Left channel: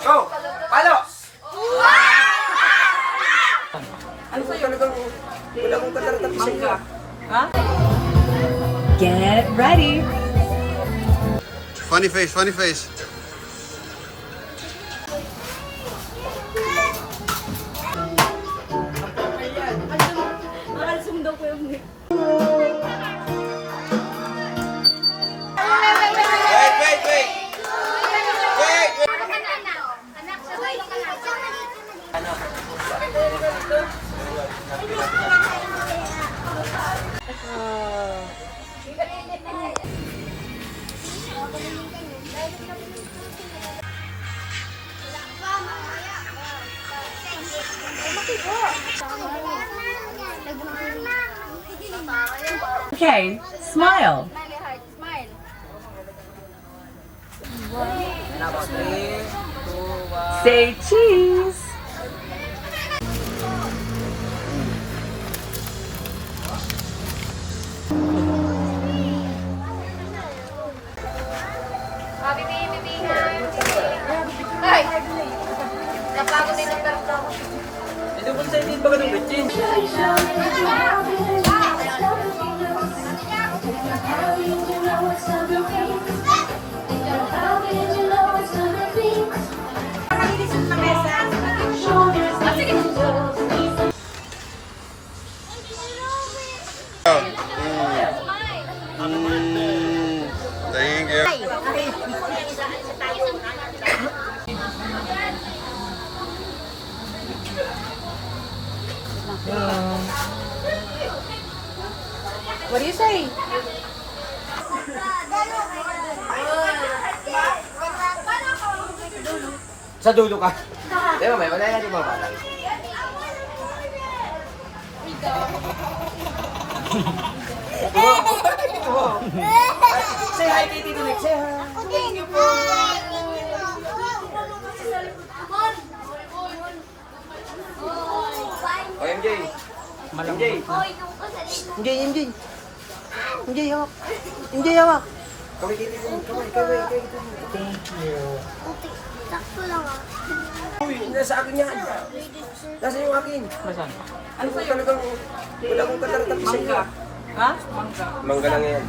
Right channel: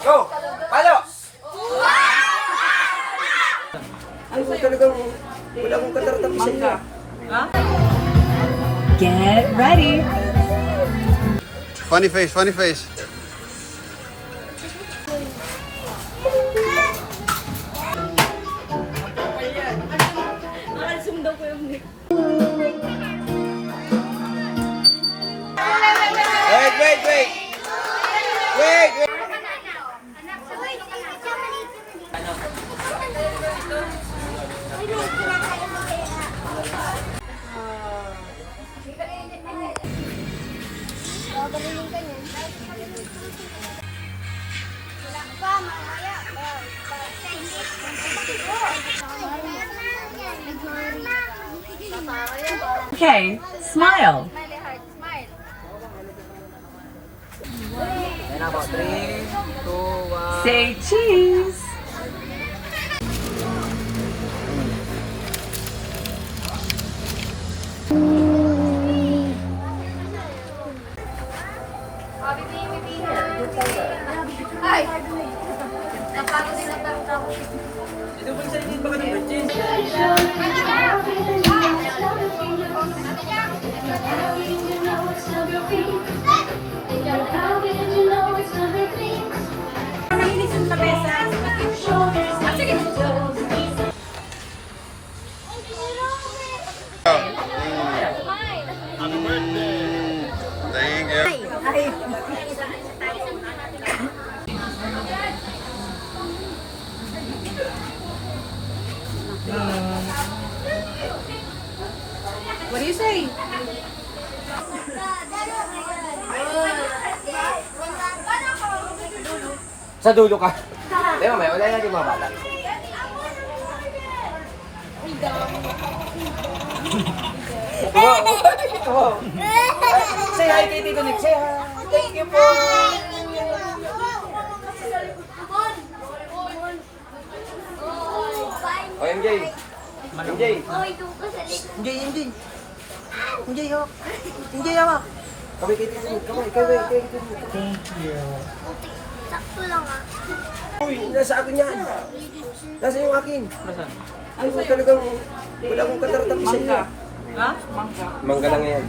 Go! Palo! Ano ba talagang wala akong katartap sa inyo? Get ready. Funny face, funny face. Okay, smile. Say cheese. Ay! Napagod din ang pero tao. Ito ba sa inyo ba kami bitchin? What do you say? Sa dulo ka. Di ba, may wala yan, di ba ba? Say hi kay Tito Nick, say hi. Thank you po. O, MJ. MJ. MJ. MJ, hawak. MJ, hawak. Kaway kay Tito Nick, kaway. Thank you. Sakto lang Uy, nasa akin yan. Nasa yung akin. Ano ba talagang wala akong katartap sa inyo? Mangga lang yan.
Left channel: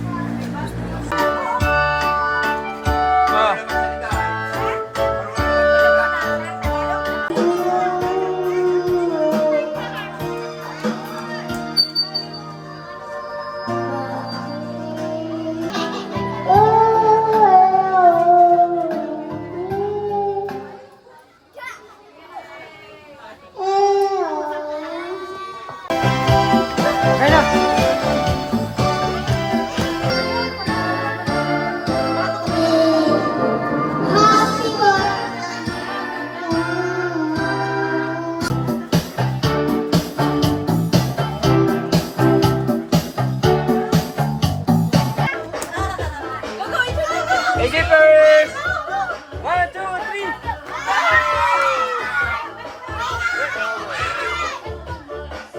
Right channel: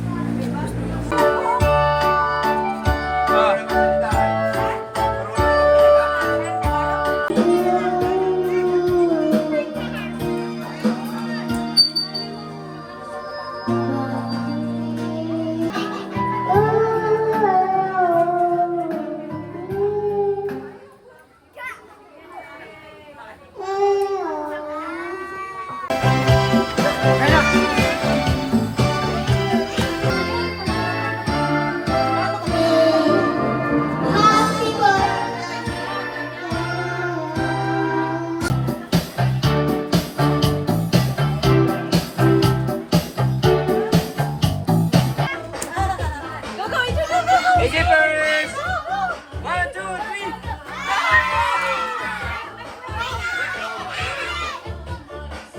AJ first! 1, 2, 3!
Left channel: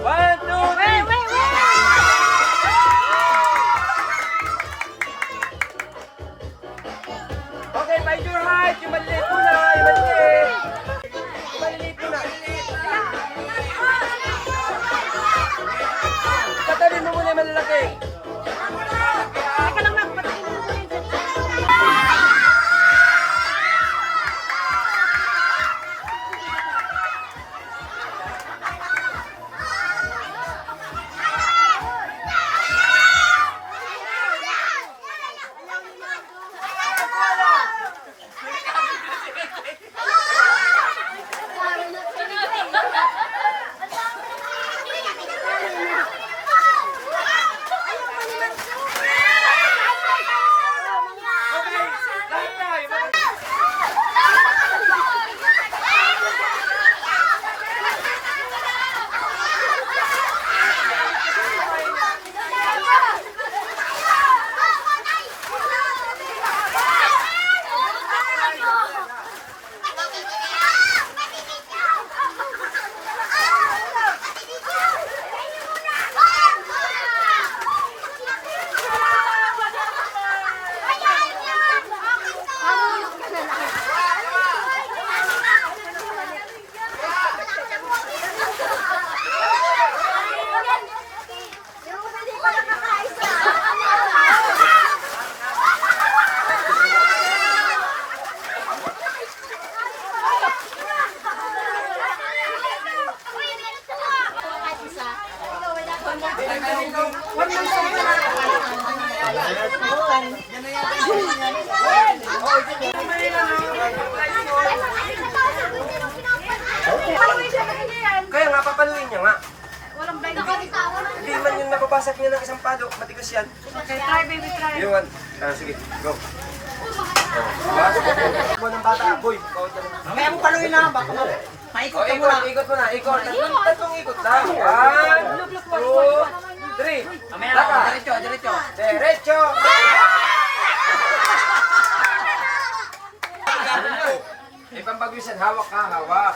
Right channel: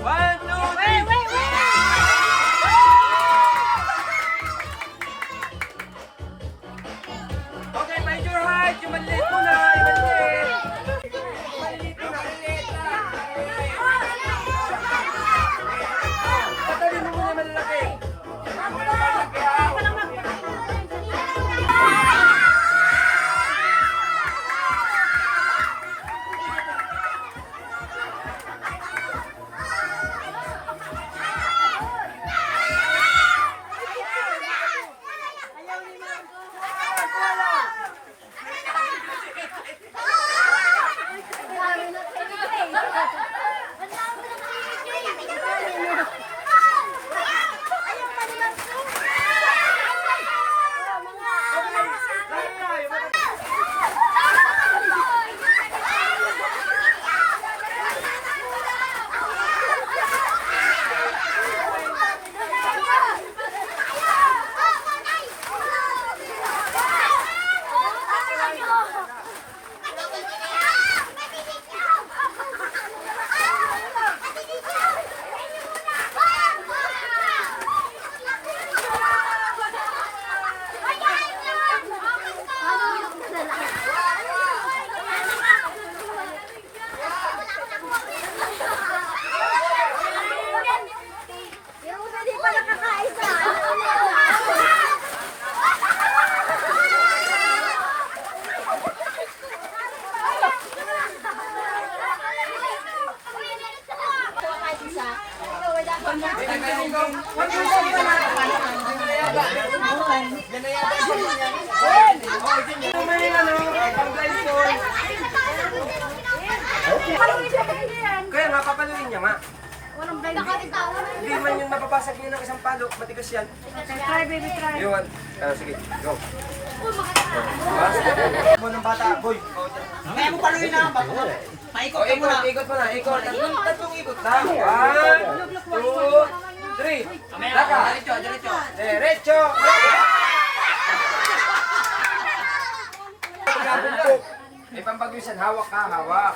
One, two, three! Okay, by your heart, yung maliit mo na, yung maliit. Maliit mo na, maliit na. Patabi mo muna yung malalaki. Kaya nga, papaluin niya nga. Walang blind. Hindi man yung napapasok niya ng isang palo, matigas yan. Try, baby, try. Yung, sige, go. Mo ng bata, boy. Kaya mo paluin na ba? Paikot ka muna. Ikot mo na, ikot. Tatlong ikot lang. 1, 2, 3. Laka. Diretso, diretso. Derecho. Ipampagwisan, hawak ka, hawak.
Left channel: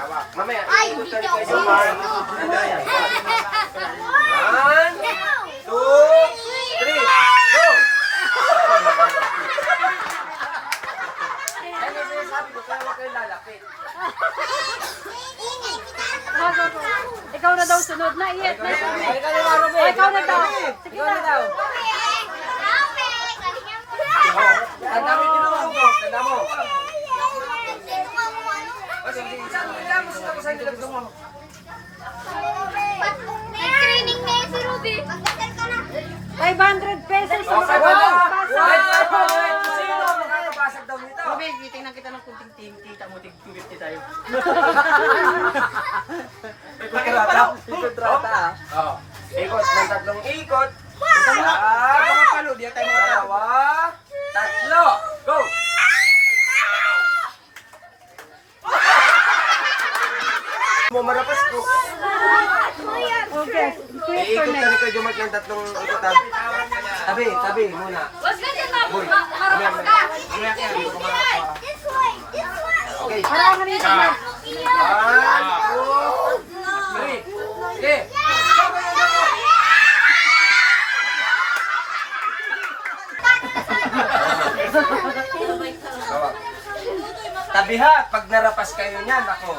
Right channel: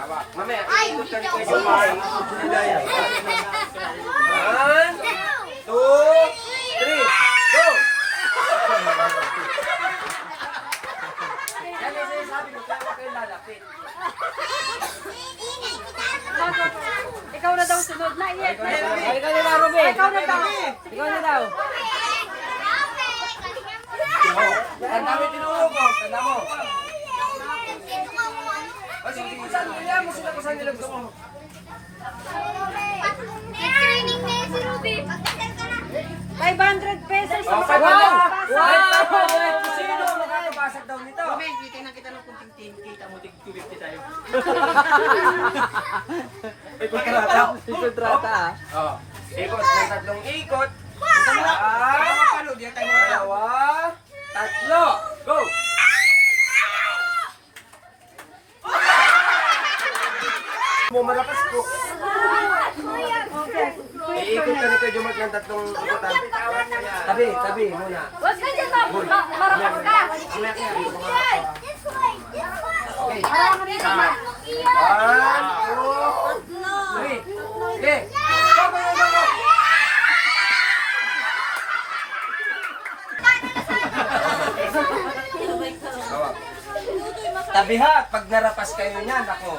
Hawak. Mamaya, ikot ka rin kayo. 1, 2, 3, go! Yan yung sinasabi ko, kaya huwag kayo lalapit. Ikaw na daw sunod na. Iyak na. Ikaw na daw. Sige na daw. Tanda mo yung tinulog mo. Tanda mo. Sige, ilan mo sila ko sa inyo. Gusto mo. Training na si Ruby. Pagkasal ka na. 500 pesos. Okay ba na? Sino makakabasag daw nito? Tingnan kita ng kunting ting. Kita mo, tig 250 tayo. Ikot ka rata. Ikot rata. Ikot ng tatlong ikot. Palo, di tayo mga Dalawa. Tatlo. Go! Mo marapas ko. Iikot ka ni Kuya Jomart ng tatlong ikutan. Tabi muna. Boy. Okay. 1, 2, 3. Okay. Go, go, go, go. Hawak. Tabihat, pag narapas kayo niyan, ako.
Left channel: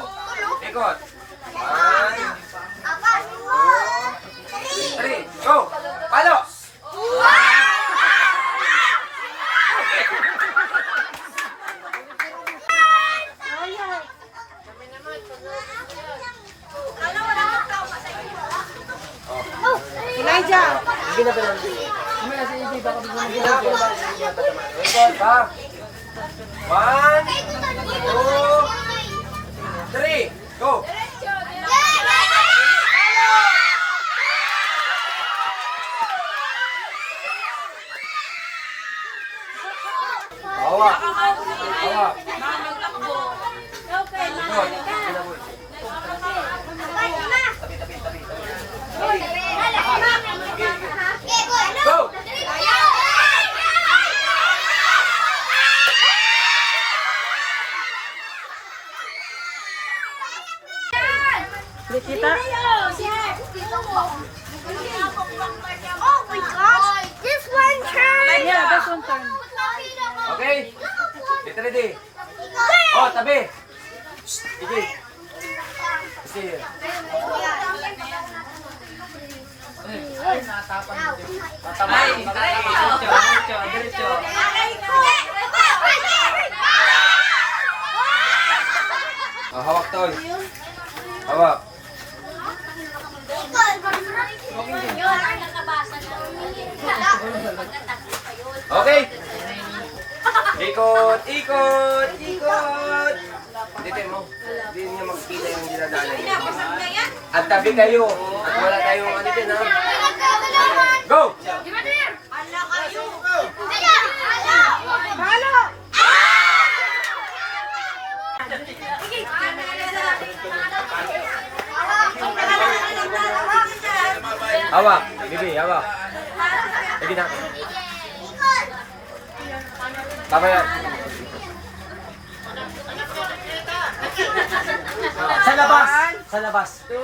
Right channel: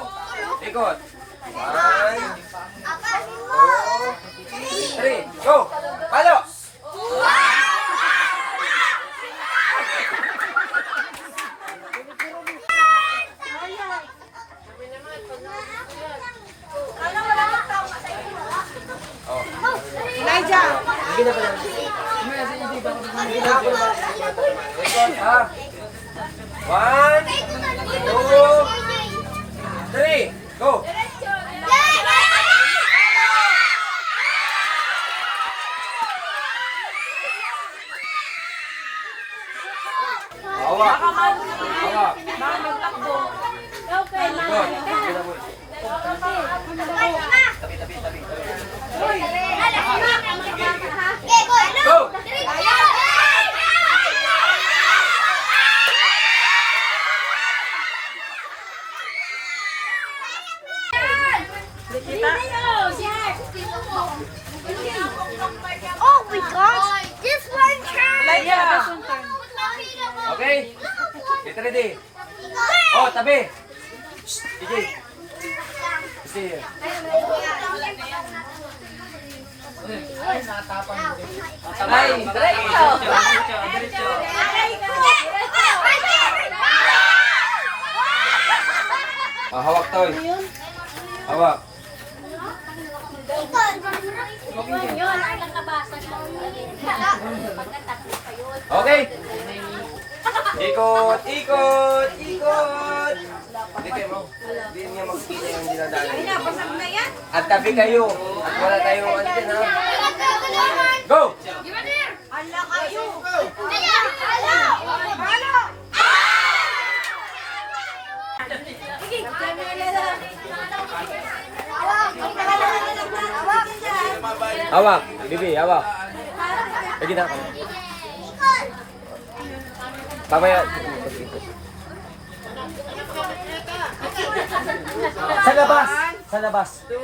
Ikot. 1, 2, 3, go! Palo! Elijah. Hindi na ba lang? Hindi na ako naman. Ikot, ha? 1, 2, 3, go! Hawak. Hawak. Ikot. Sige na, boy. Tabi. Go! Oh my gosh! This one turn! Yeah, this one turn. Okay? Get ready. Oh, tabi. Sige. Sige. Hawak to. Hawak. Okay. Ikot. Dito mo. Hindi niya magpila yung dinadaanan niya. At tabi kayo. At wala kayong ano din, ha? Go! Hawak. Bibi, hawak. Lagi na. Tama yan. Sa labas. Sa labas. Go!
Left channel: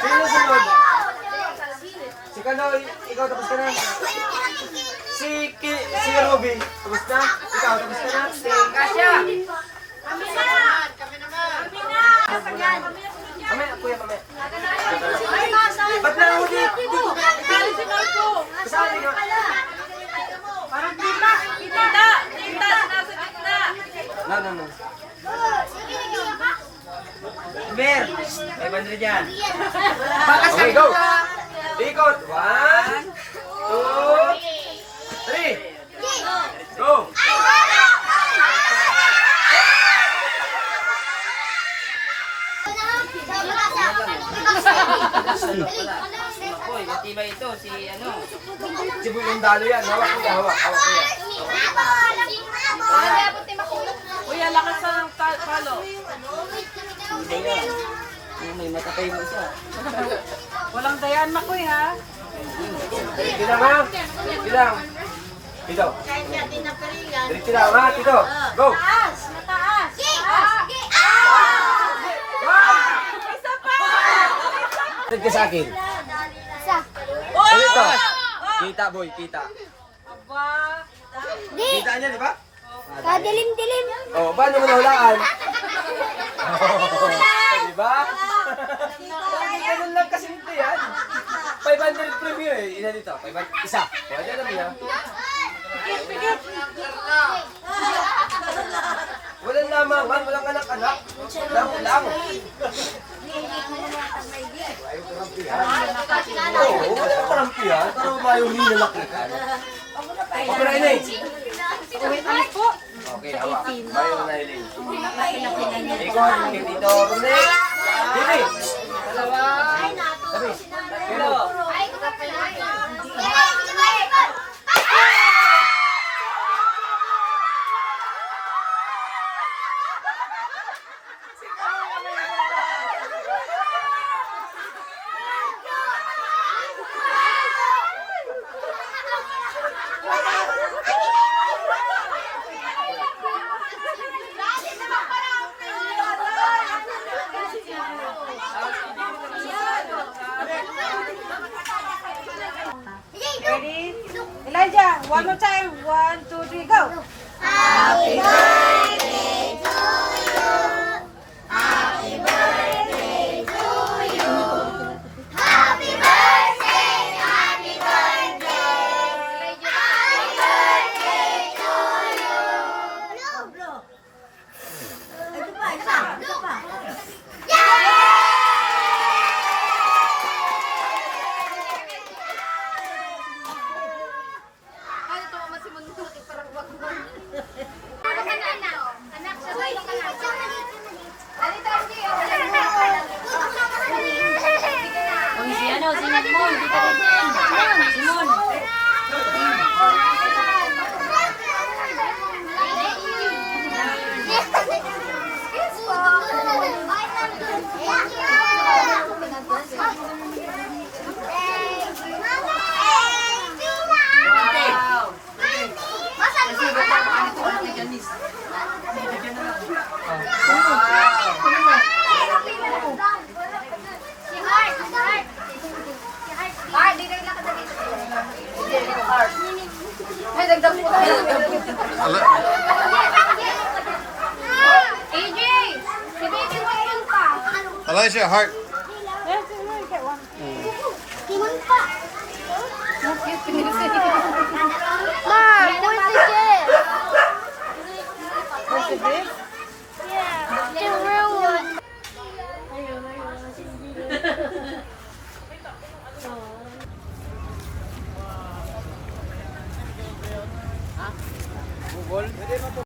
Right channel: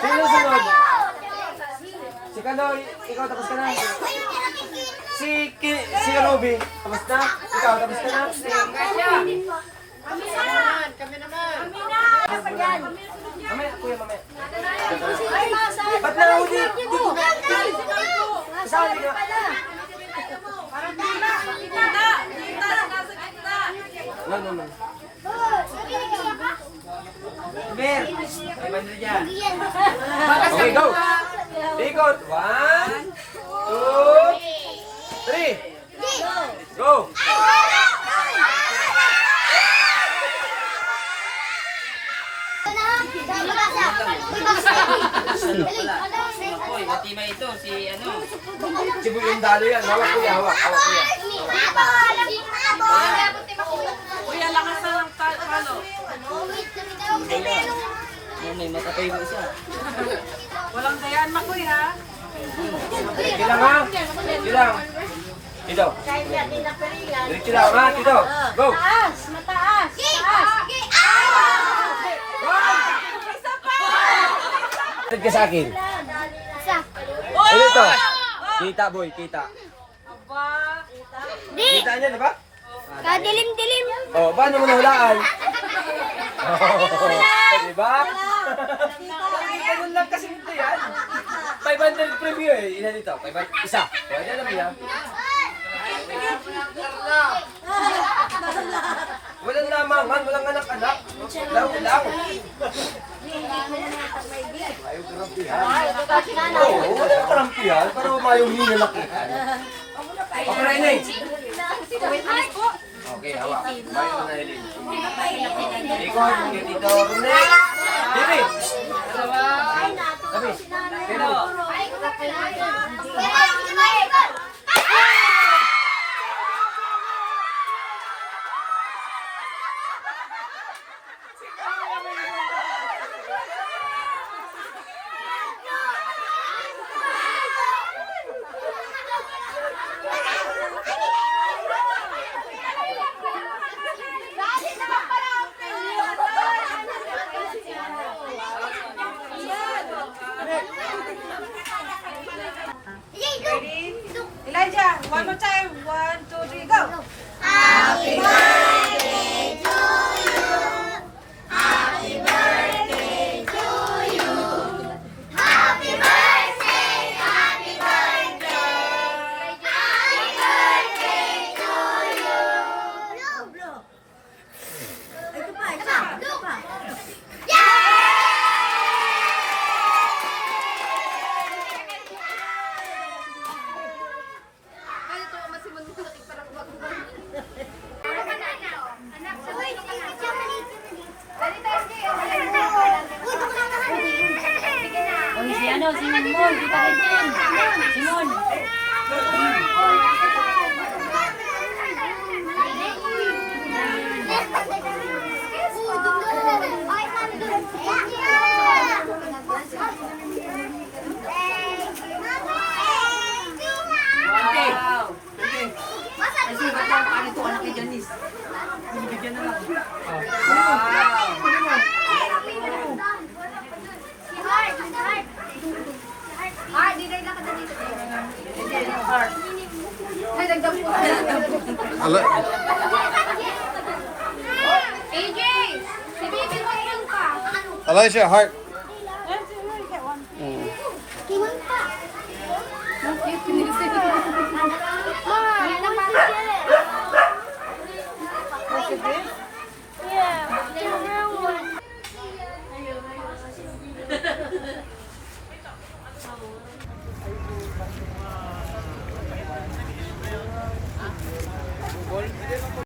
Sino sunod? Si Kano, ikaw tapos ka na. Si Ruby, tapos na? Ikaw, tapos ka na? Mamaya, kuya, mamaya. Ba't na ako dito? Kasali nga. No. Ber, 500 yan. Okay, go. Ikot. 1, 2, 3. Go. Makoy, matibay ito. Si ano? Si Boy yung dalo yan. Hawak kuya, hawak. Hawak kuya. Kuya, lakas ng kalo. May matapay mo isa. Walang dayaan makoy ha. Diretso lang ha. Diretso lang. Tito. Diretso lang ha. Tito. Go. Mataas! Mataas! Tag ka sa akin. Ano ito? Kita boy, kita. Aba. Di! Kita niya, di ba? Kadilim-dilim! Oh, paano mo nahulaan? Di ba? Ganun lang kasi nito yan. 500 preview eh. Ilan dito? 500? Isa. Pwede alam niya. Walang lamangan, walang anak-anak. Lang. Oo, walang karampihan. Pero mayroong hinalakihan. Okay na inay. Okay, hawak. Bayo na Eileen. Ikot, yung dito. Rumnek. Dili. Tabi. Keno. Ready? Elijah, one more time. 1, 2, 3, go! Elijah, heart. Yes,